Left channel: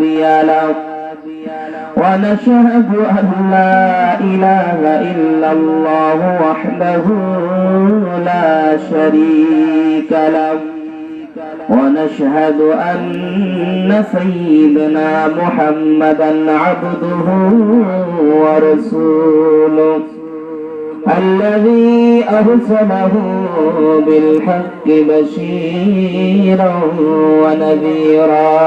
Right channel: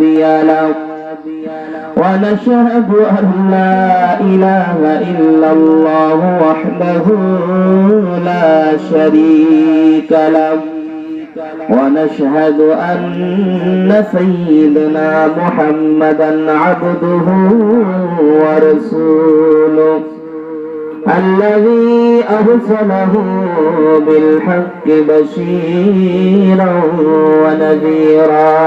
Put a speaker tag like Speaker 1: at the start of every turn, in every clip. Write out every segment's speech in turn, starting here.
Speaker 1: هادي له ونشهد أن لا إله إلا الله وحده لا شريك له. ونشهد أن سيدنا محمدا عبده ورسوله. الذي أرسله بالحق بشيرا ونذيرا.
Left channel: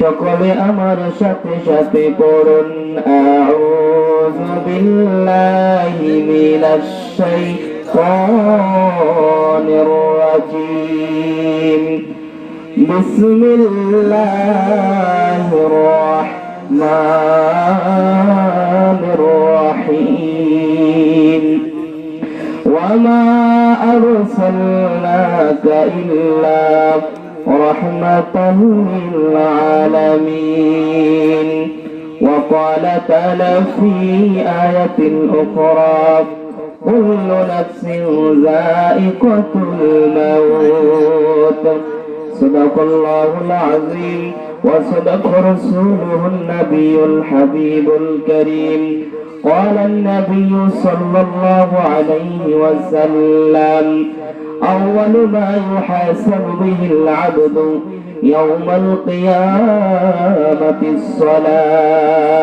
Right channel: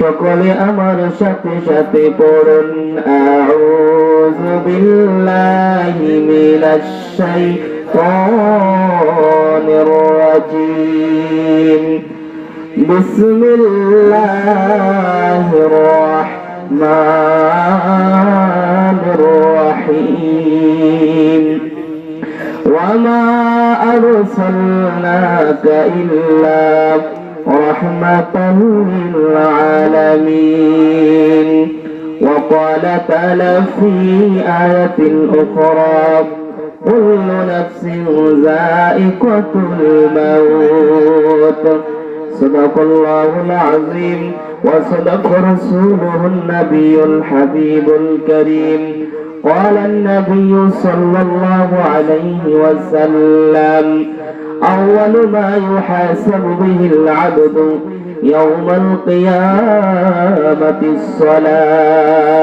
Speaker 1: সকলে আমার সাথে সাথে পড়ুন। আউযু বিল্লাহি মিনাশ শাইতানির রাজিম। বিসমিল্লাহির রাহমানির রাহিম। ওয়া মা আরসালনাকা ইল্লা رحمة للعالمين. وقال تعالى في آية أخرى كل نفس ذائقة الموت. صدق الله العظيم وصدق رسوله النبي الحبيب الكريم. قال النبي صلى الله عليه وسلم أول ما يحاسب به العبد يوم القيامة الصلاة.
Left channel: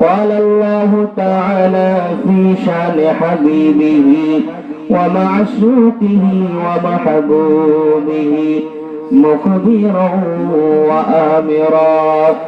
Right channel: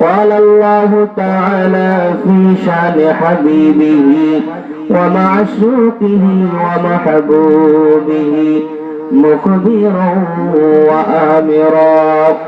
Speaker 1: قال الله تعالى في شأن حبيبه ومعشوقه ومحبوبه مخبرا وآمرا.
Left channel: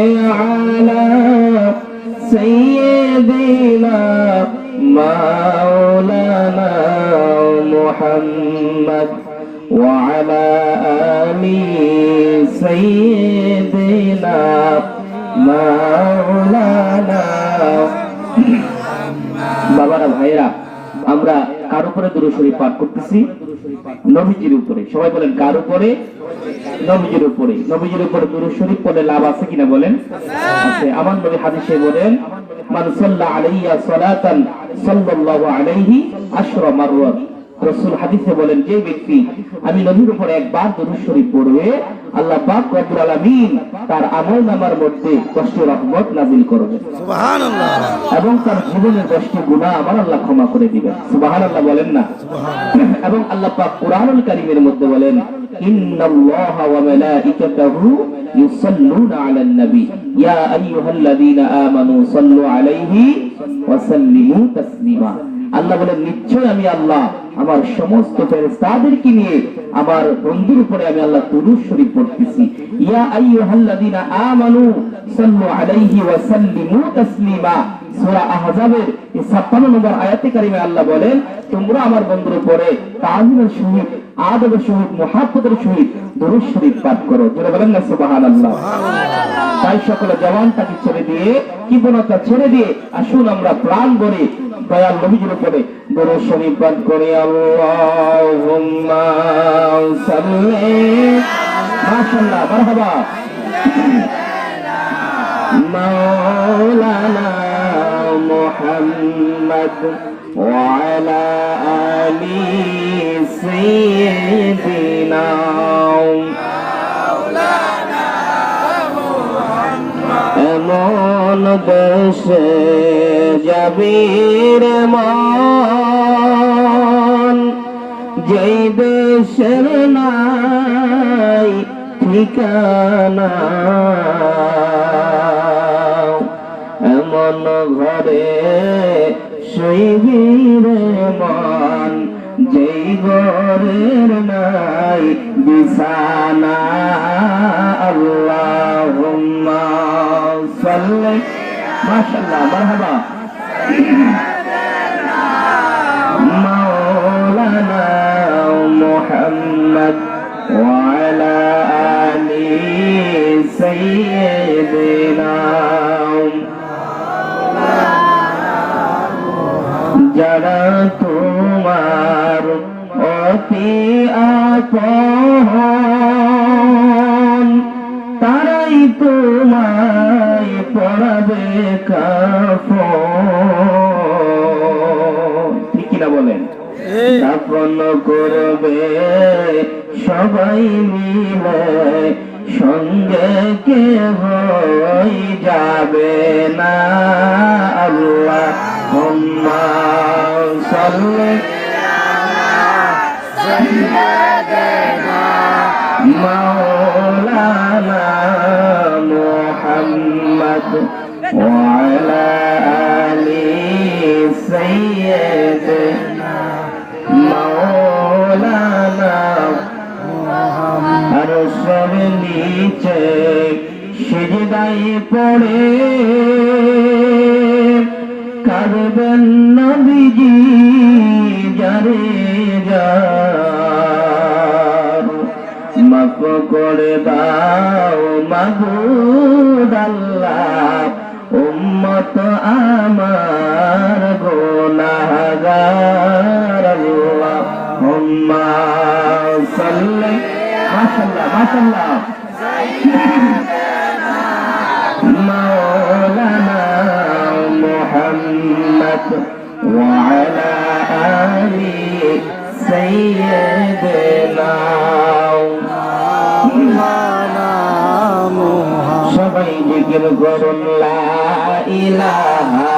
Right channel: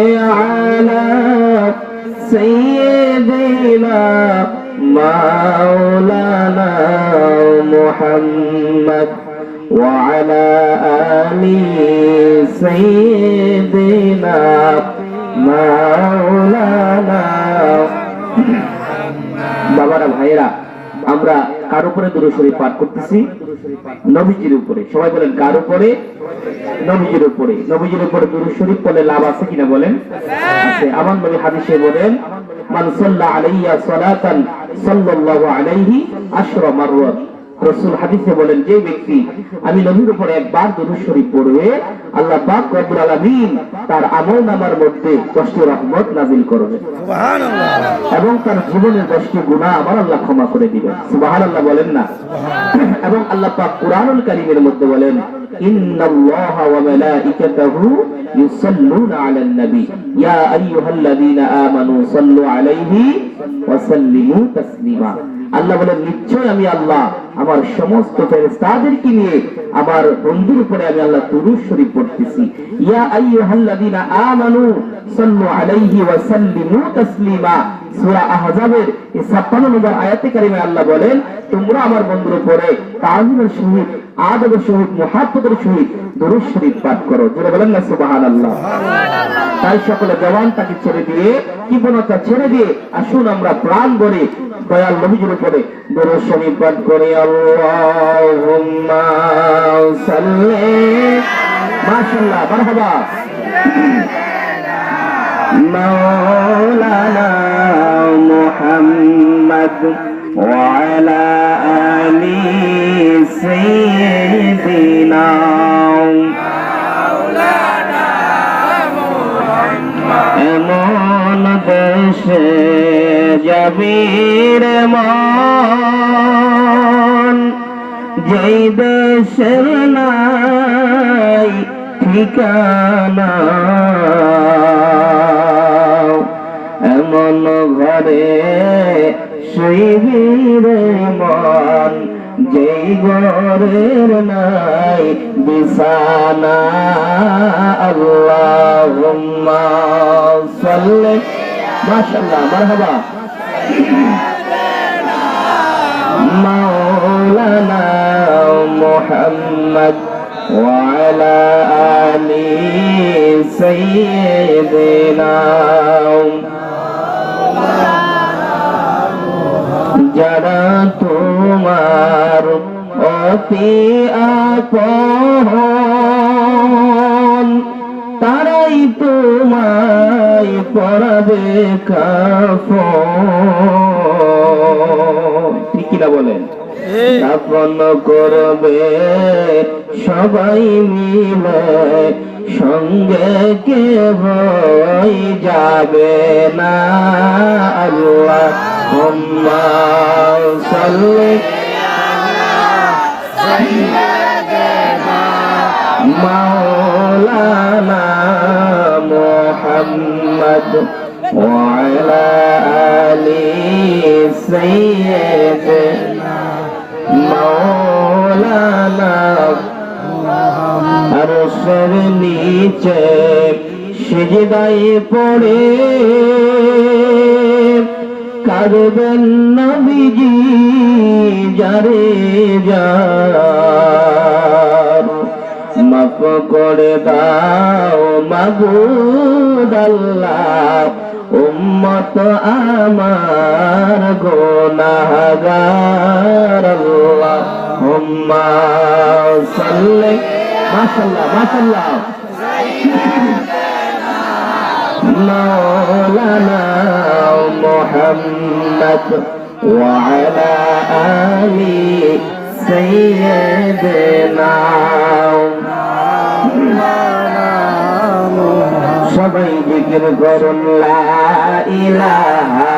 Speaker 1: محمد وعلى آل سيدنا مولانا বাবারা ভাইয়েরা আমরা কার উপরে দুরু শরীফ পাঠ করতেছি নবীজির উপরে সবাই বলেন কার উপরে নবীজির উপরে নবীজির উপরে দুরু শরীফ বলে লাভ আছে কিনা বলেন আছে আমার নবী হাদিসে বলেন মান সাল্লা আলাইয়া সালাতান সাল্লাল্লাহু আলাইহি আশরা মাররাত রাসূল হাদিসে বলেন যে ব্যক্তি আমি নবীর উপর একবার দরুদ শরীফ পড়বে আল্লাহ পাক রব্বুল আলামিন তার আমলনামার মধ্যে কষ্ট রহমত নাযিল করবে
Speaker 2: সুবহানাল্লাহ।
Speaker 1: এবং তার জীবনের দশটি গুনাহ আমার আল্লাহ ক্ষমা করে দিবেন। সুবহানাল্লাহ বলেন না। এবং আল্লাহ পাক কুরআনুল কারীমের মধ্যে বলেন ইন্নাল্লাহা ওয়া মালাইকাতাহু ইউসাল্লুনা আলান নবী। ইয়া আইয়ুহাল্লাযীনা আমানু সাল্লু আলাইহি ওয়া সাল্লিমু তাসলিমা। আল্লাহ বলেন নিশ্চয় আমি আল্লাহ আমার সমস্ত ফেরেশতাদেরকে নিয়ে আমার বন্ধুর উপরে আমি আল্লাহ দুরূদ শরীফ পড়তেছি। ইয়া আইয়ুহাল্লাযীনা আমানু সাল্লু আলাইহি ওয়া সাল্লিমু তাসলিমা। সূরা আহজাবের এই 56 নম্বর আয়াতে কারিমে আল্লাহ বলেন তোমরা আমার বন্ধুর উপরে তাজিমের সহিত আদবের সহিত মুহাব্বতের সহিত দরুদ শরীফ পাঠ করো। যেটা বলেন না সুবহানাল্লাহ। তাই সকলে জবানটাকে ছেড়ে দিয়ে কৃপণতা ছেড়ে দিয়ে আসুন আমরা প্রাণ ভরে দয়াল নবীজির উপরে গুরু শরীফাত করি আল্লাহুম্মা সাল্লি। মাশাআল্লাহ, মারহাবা। মাওলানা মুহাম্মদ ওয়া আলা আলি সাইয়্যিদিনা। এমন দেশে যাবি রে মা যেই দেশের নাই ঠিকানা, এমন ঘরে সেই মন, যেই গরের নাই বিছানা। আল্লাহুম্মা সাল্লি, মাশাআল্লাহ, মারহাবা। محمد وعلى آل سيدنا যারা তোমার অতি আপন তারাই তোমায় পড়াবে কাফন স্থাপন করবে সবাই মিলে সঙ্গে কে হই যাবে না আল্লাহ হুম্মা সাল্লি مولانا محمد وعلى آل سيدنا নিচে সিজদাই পড়ে। কাঁদবেন নবীজি যারে যার। মাফ করে দাও মাগুদ উম্মত আমার গোনাহগার আল্লাহ। হুম্মা সাল্লি মাশাআল্লাহ মাশাআল্লাহ مولانا محمد وعلى آل سيدنا সবাই জিকির করুন লা ইলাহা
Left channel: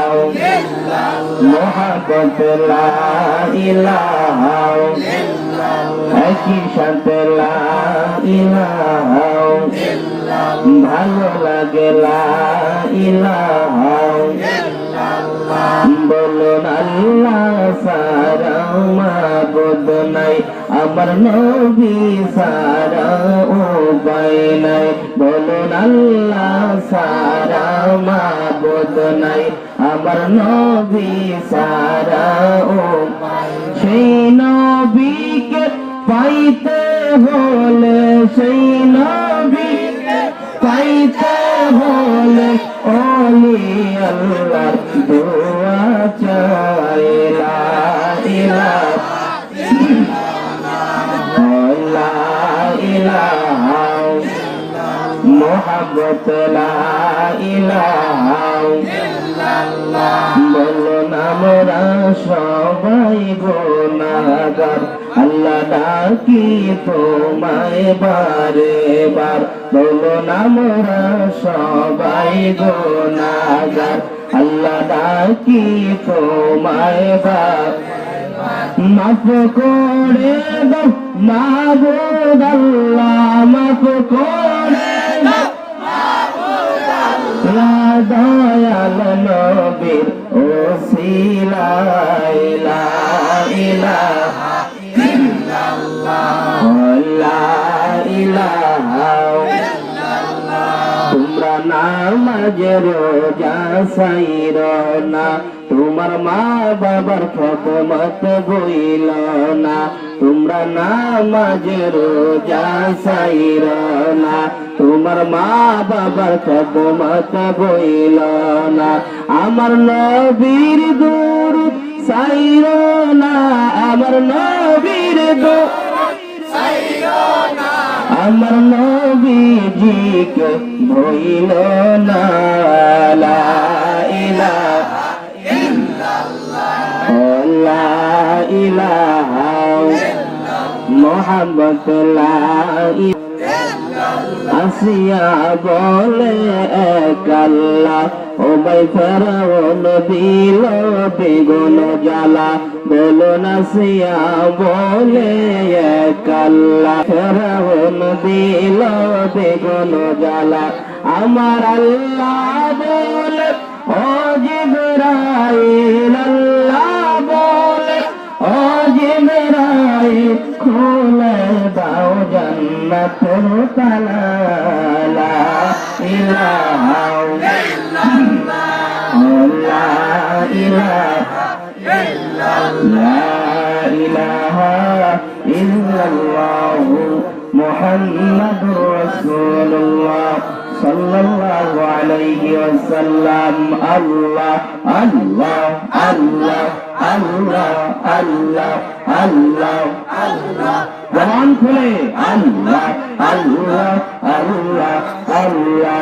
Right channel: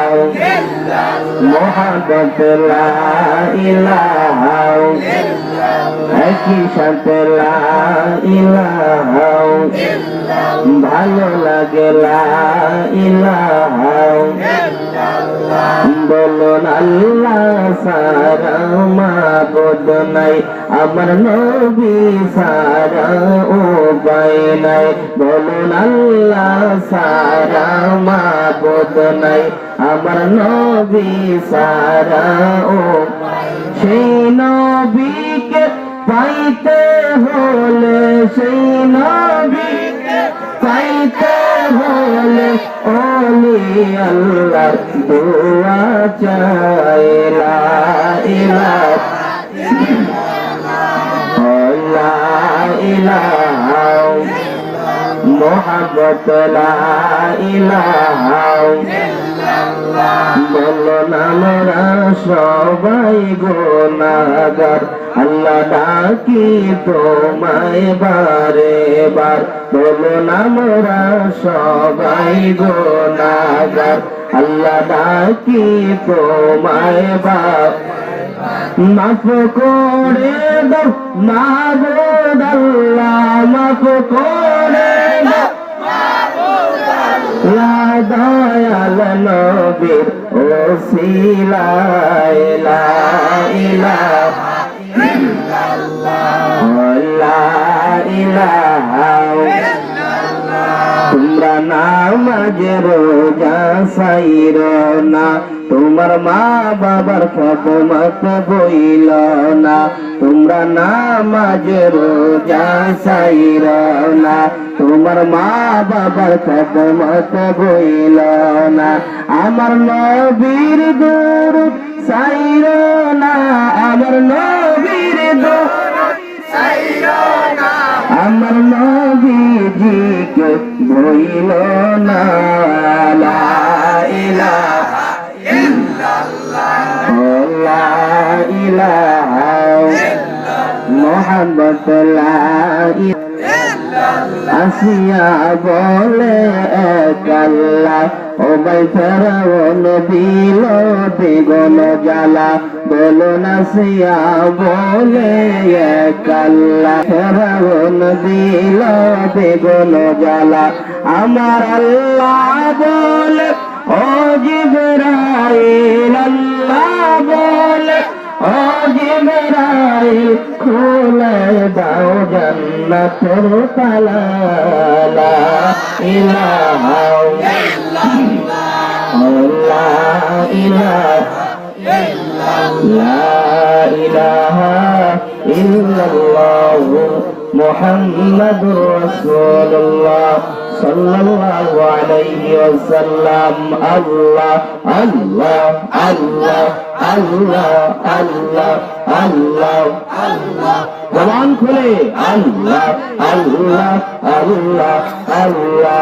Speaker 1: মোহাম্মদ লা ইলাহা একই সাথে লা ইলাহা ভালো লাগে বলুন আল্লাহ সারা মাবুদ নাই। আমার নবী সারা উপায় নাই। বলুন আল্লাহ সারা মাবুদ নাই। আমার নবী সারা উপায় সেই নবীকে পাইতে হলে সেই নবীকে পাইতে হলে ওলি আল্লাহ দোয়া চাই লা ইলাহা ইলাহা। বলো আমরা সবাই গোনাগার আল্লাহ ডাকি তোমায় বারে বার বলো আমরা সবাই গোনাগার আল্লাহ ডাকি তোমায় বার মাফ করে দাও মাবুদ আল্লাহ মাফ করে দাও। দয়াল নবীর ওসিলায় তোমরা নামাজ রোজা সাইর না। তোমার মা বাবার খেদমত বইল না। তোমরা নামাজ রোজা সাইর না। তোমার মা বাবার খেদমত বইল না। আমার নবীর গুরু সাইর না। আমার নবীর গুরু আমার নবীজিকে ভইল না লা ইলাহা লা আসিয়া বলে এক ওবাই ফেরাউন দিল বেগুন জালা বলো না সিয়া, বলে আমার আল্লাহ বলে, ও জিবরাইল, আল্লাহ বলে, ও জিবরাইল, খুলে দাও জান্নাতের তালা ইলা মুহাম্মাদুর রাসূলুল্লাহ সাল্লাল্লাহু ওয়াসাল্লাম আল্লাহ আল্লাহ আল্লাহ আল্লাহ আল্লাহ আল্লাহ আল্লাহ জবান খুলে। আল্লাহ আল্লাহ আল্লাহ আল্লাহ।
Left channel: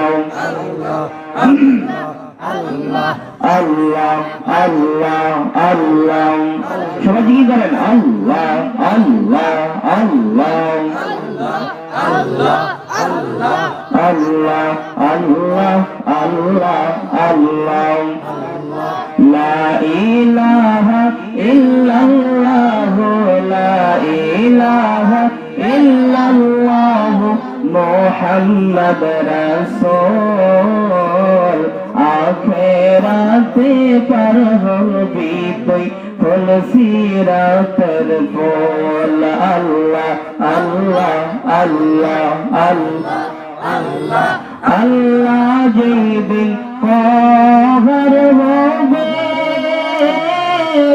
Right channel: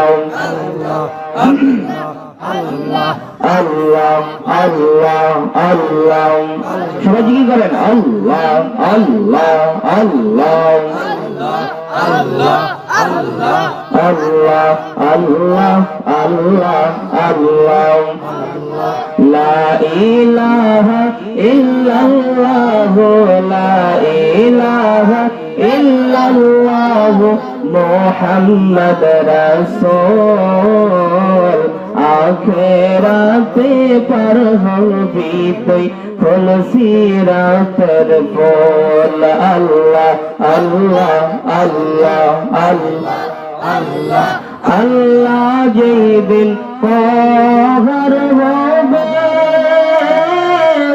Speaker 1: আল্লাহ আল্লাহ আল্লাহ সবাই জিজ্ঞেস করেন? আল্লাহ আল্লাহ আল্লাহ আল্লাহ। আল্লাহ আল্লাহ আল্লাহ। লা ইলাহা ইল্লাল্লাহ লা ইলাহা ইল্লাল্লাহ মুহাম্মদ রাসূল আখেরাতে পার হবি তুই ফুল সিরাতের ফুল আল্লাহ আল্লাহ আল্লাহ আল্লাহ আল্লাহ আল্লাহ যেই দিন পহর হবে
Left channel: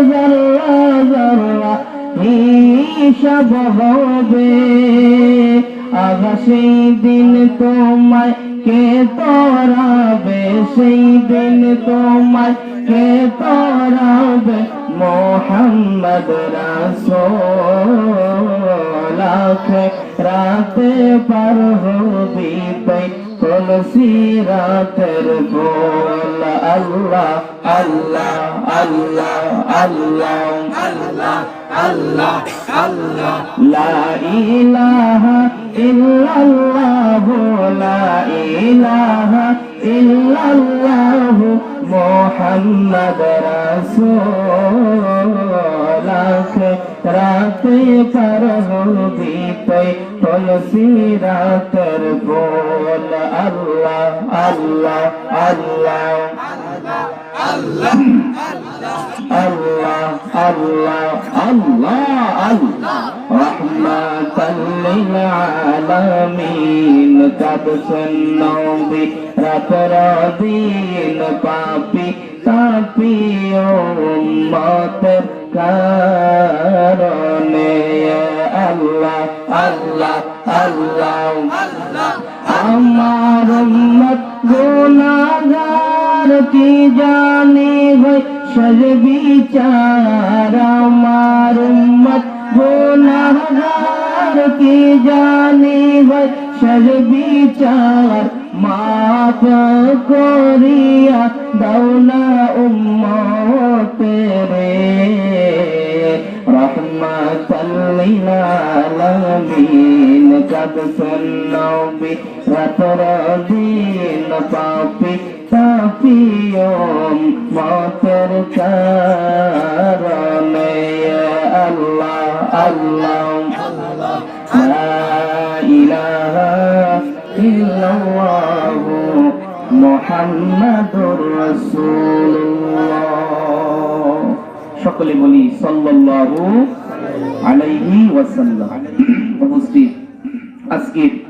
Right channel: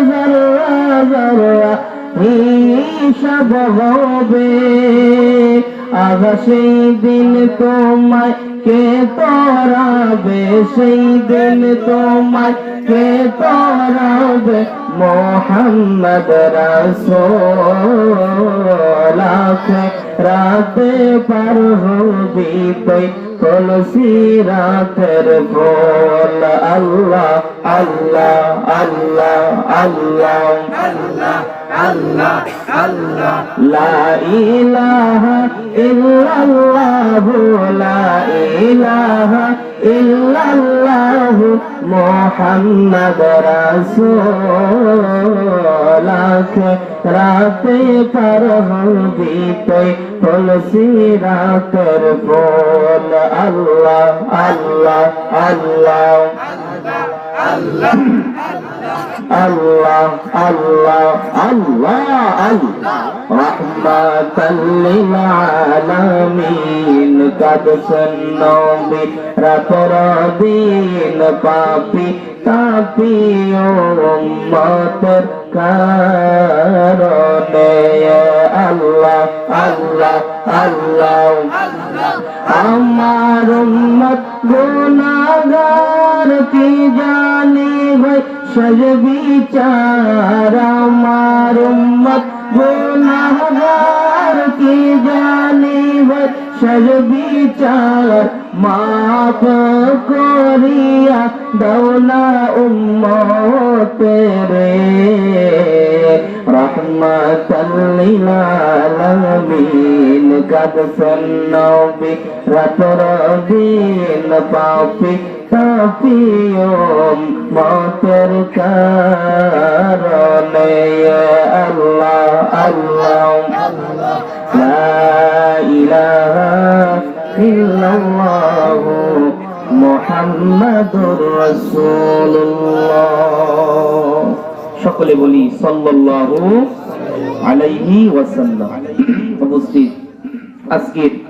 Speaker 1: জল্লা জল্লা হিসাব সেই দিন তোমায় কে তরাবে সেই দিন তোমায়? কে তরাবে মোহাম্মদ রাসূল রাতে পার হবি তুই তুলসী রাতের বল আল্লাহ আল্লাহ আল্লাহ আল্লাহ আল্লাহ আল্লাহ আল্লাহ। লা ইল্লাল্লাহ মুহাম্মদ রাসূল রাতে পার হবি তুই তুলসী রাতের বল আল্লাহ আল্লাহ। আল্লাহ আল্লাহ আল্লাহ। আল্লাহ আল্লাহ রহমাতাল লিল আলামিন কাদসন নবী রাতর দিন পাপি তাপি উম্মতের কারণে। আল্লাহ আল্লাহ আল্লাহ। আমার উম্মত গুনাহগার কি জানে? সজ বিচার আমার উম্মত, গুনাহগার কি জানে সজ বিচার মাফ করিয়া দৌনা উম্মতের রহমাতাল লিল আলামিন। কাদ সন্নবী রাতর দিন পাপি। তাপিয়ম মাতের কারণে আল্লাহ আল্লাহ আল্লাহ ইল্লাল্লাহ মুহাম্মাদুর রাসূলুল্লাহ। সকলে বলি সাল্লাল্লাহু আলাইহি ওয়াসাল্লাম। উপস্থিত। আজকের